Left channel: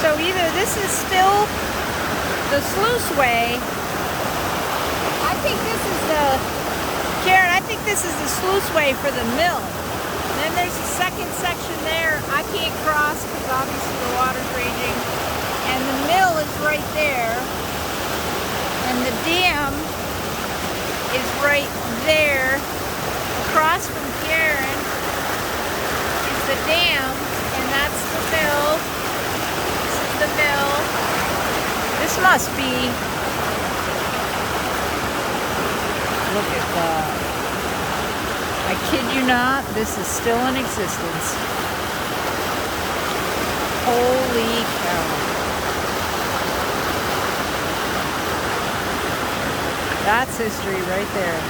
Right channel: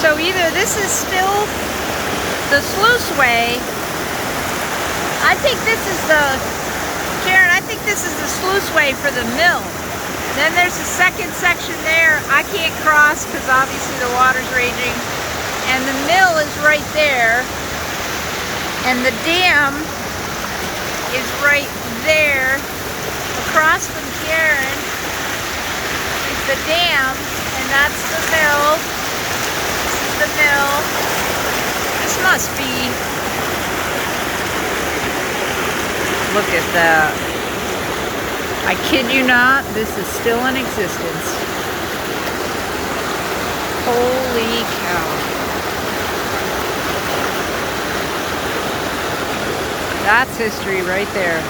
So either this is still the sluiceway. I think this is the, Karen, I think this is the sluiceway for the mill. Then there's a second section there I can't cross because obviously the water's raging. And the mill is right there. And the dam is right there. Across from Karen is the dam, and that's the mill. This is the mill. This must be, look at that. I kid you not, this is still in existence. Holy cow. That's history right there.